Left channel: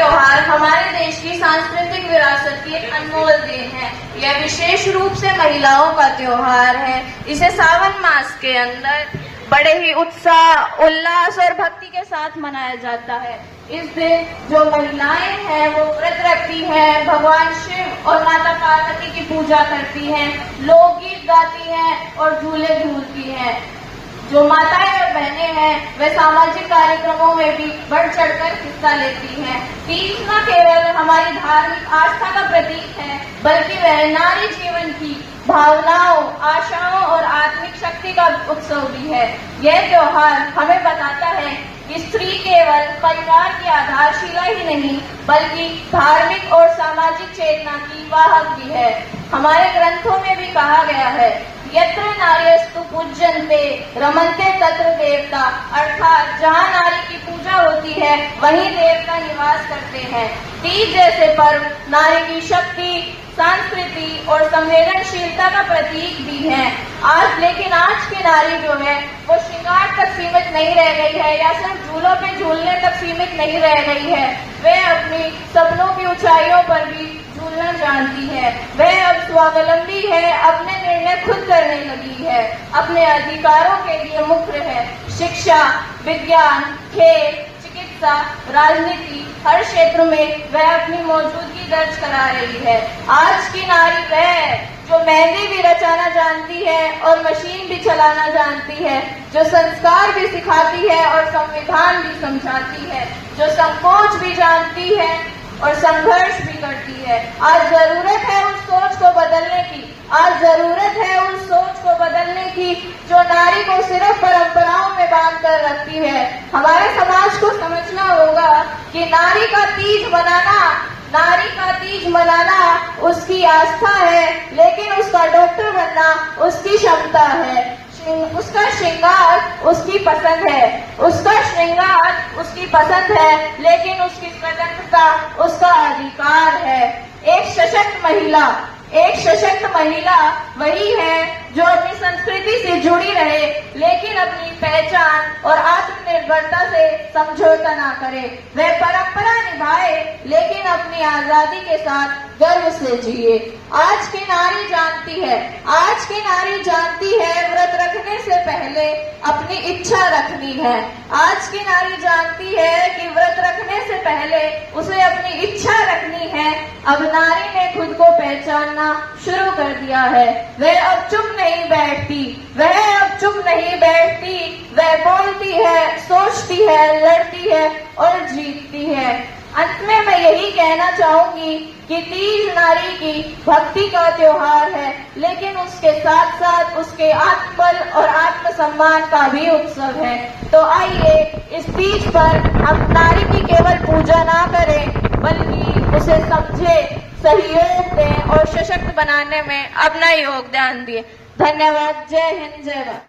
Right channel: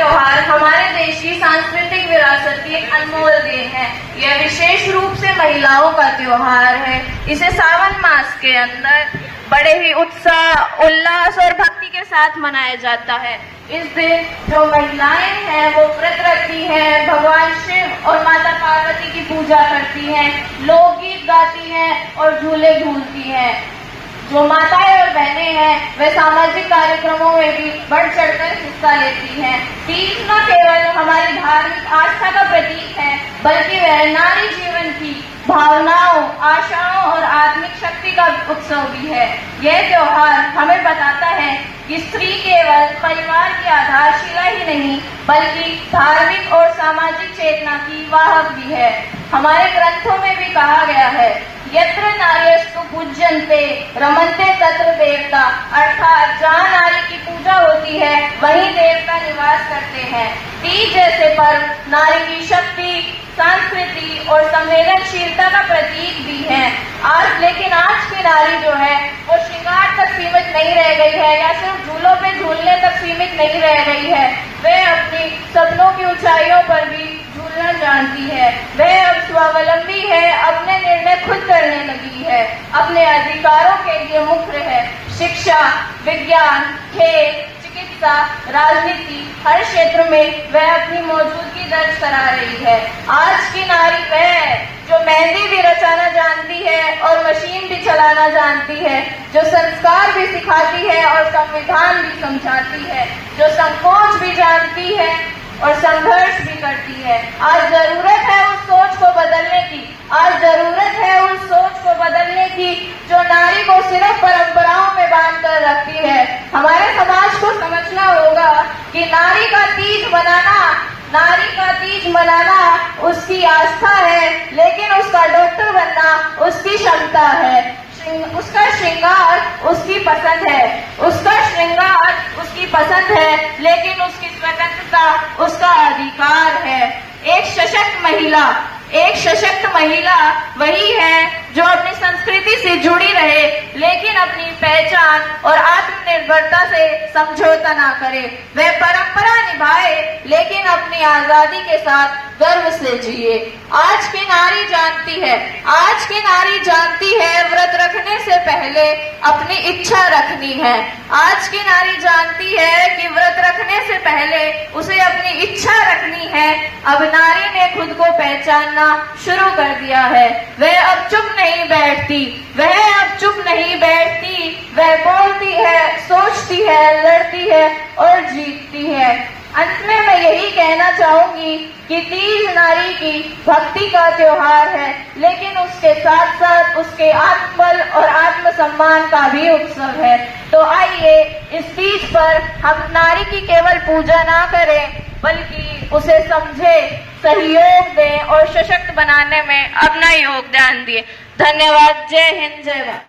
त्योहार हमारे देश की सांस्कृतिक विरासत की एक अनमोल देन है। यह विशेष रूप से महिलाओं का त्योहार है। इसे सावन मास के अंदर बड़े ही उत्साह, उल्लास और भक्ति के साथ मनाया जाता है। इस दिन जो महिलाएं हैं वो व्रत रखती हैं, भगवान शिव और माता पार्वती की पूजा करती हैं, लोकगीत गाती हैं और झूले झूलती हैं। जो माताएं और बहनें हैं वे सामाजिक कार्यक्रमों में भी बढ़ चढ़कर हिस्सा लेती हैं। तीज न केवल हमारी धार्मिक आस्था का प्रतीक है, बल्कि वह नारी जीवन की भावनाओं, आशाओं और आत्मिक शक्ति का उत्सव भी है। यह त्योहार हमें बताता है कि स्त्री केवल परिवार की आधारशिला ही नहीं, बल्कि धार्मिक और सामाजिक चेतना की वाहक भी है। हमारे ग्रंथों में भी कहा गया है, यत्र नार्यस्तु पूज्यन्ते रमन्ते तत्र देवता, अर्थात जहाँ नारी की पूजा होती है वहीं देवता निवास करते हैं। तीज जैसे पर्व नारी की शक्ति, संस्कृति और संवेदनशीलता का प्रतीक भी है। लेकिन आज की नारी जो है वो श्रृंगार तक सीमित नहीं रह गई है या सिर्फ झूलों पे झूलने तक सीमित नहीं रह गई है। वह अपनी सपनों की ऊंचाइयों पर भी झूलना जानती है। वह अब स्वावलंबी है, अपने निर्णय खुद करने लगी है, अपने अधिकारों के लिए मुक्त है। शिक्षा, विज्ञान, खेल, चिकित्सा, राजनीति, हर क्षेत्र में वह अपनी मौजूदगी दर्ज करा रही है। आज की नारी वह है जो मेहंदी भी रचाना जानती है और मशीन भी चलाना जानती है, जो संस्कार भी सिखाती है और संविधान भी समझाती है, जो संकोच भी जानती है और संघर्ष भी करती है। आज जरूरत है उस सोच को बदलने की। आज जरूरत है उस सोच को बदलने की जो नारी को सिर्फ परंपराओं में बांध कर रखती है। हमारे समाज को समझना होगा कि नारी का तीज मनाना उसकी आस्था है, लेकिन उसका डॉक्टर बनना उसकी क्षमता है। उसका श्रृंगार उसकी पसंद है, लेकिन उसकी स्वतंत्रता उसका अधिकार है। एक सशक्त महिला वही है जो अपनी संस्कृति से जुड़ी रहे, लेकिन अपनी पहचान और आत्मनिर्भरता से समझौता ना करे। वह परंपरा निभाए, लेकिन अपनी आजादी के साथ गर्व से जिए। आज की नारी जानती है व्रत रखने से पहले अपनी इच्छा रखनी है। आज की नारी जानती है कि व्रत रखने से पहले उसे अपनी इच्छा रखनी है। अब नारी ने खुद को पहचानना शुरू कर दिया है। वह अब चुप नहीं बैठती, वह बोलती है, सोचती है, लड़ती है और जीतती है। अंत में मैं यही कहना चाहूंगी कि तीज नारी की भक्ति का त्योहार है, लेकिन उसके साथ साथ उसके आत्मबल और आत्मसम्मान का भी उत्सव है। तो आइए इस तीज पर हम नारी की केवल पूजा ना करें, बल्कि उसे समझे, सहयोग दें और सशक्त बनाने में अपना योगदान दिए। धन्यवाद। जय हिंद, जय भारत।